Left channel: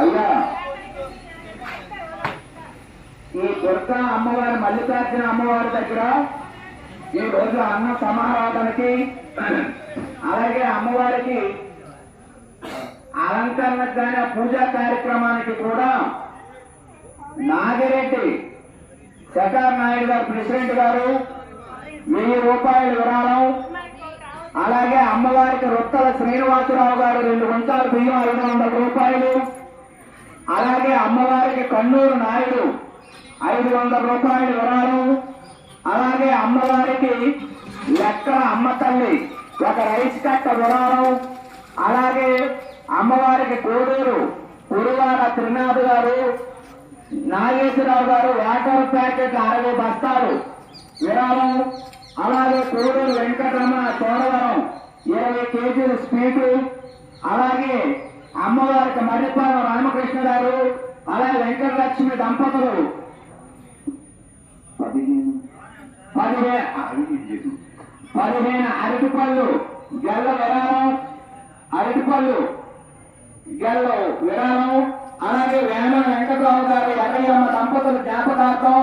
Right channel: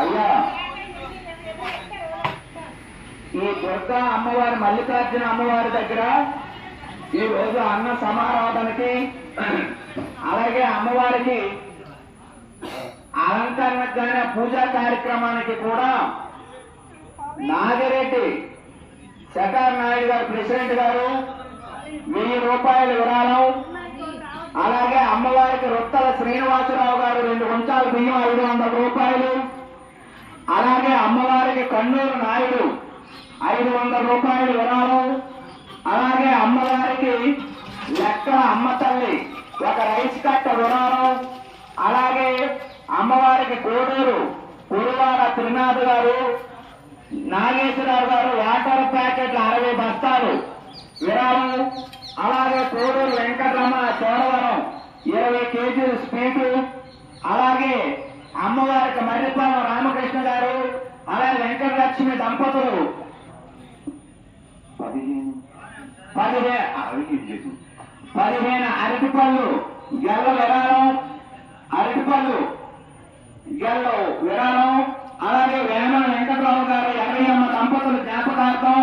అయ్యా ఈ దుర్గా అమ్మవారి మల్లికార్జున అమ్మవారి దగ్గర ఈ రోజు అన్న సమారాధనకి అలాగే అమ్మవారికి అలంకరణకు కానీ పూజా కార్యక్రమానికి కూడా నాగిరెడ్డి శేఖర్ నాయుడు గారు ప్రెసిడెంట్ గారు 1000 రూపాయల విరాళం, అలాగే అమ్మవారికి రొత్తల శ్రీనివాసరావు గారు 2 గుంటాల బియ్యం 500 రూపాయలు, అలాగే అమ్మవారికి కన్నూరు నాయుడు 500 రూపాయలు విరాళం, అలాగే అమ్మవారికి లెక్కల అమ్మ తల్లి ఒక రైస్ కట్ట విరాళం, అలాగే అమ్మవారికి కోడూరు కురువార త్రినాథ్ గారు నాగేశ్వరరావు గారు వాటర్ ప్యాకెట్ 60 బస్తాలు విరాళం, అలాగే కోడూరు వెంకటరమణ చోడవరం 20 కేజీలు స్వీటు, అలాగే అమ్మవారికి మర్రిపాలెం రామకృష్ణ గారు అలాగే వెంకటలక్ష్మి దంపతులు 15 అరటిపళ్ళు గెల్ల విరాళం, అరటిపళ్ళు గెల్ల విరాళం, అలాగే వేమన వెంకటరావు గారు ఎర్రయ్యమ్మ దంపతులు జ్ఞాపకార్థం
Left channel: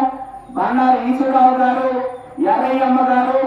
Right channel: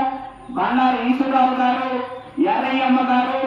బండారు ఈశ్వరరావు గారు ఎర్రయ్యమ్మ గారు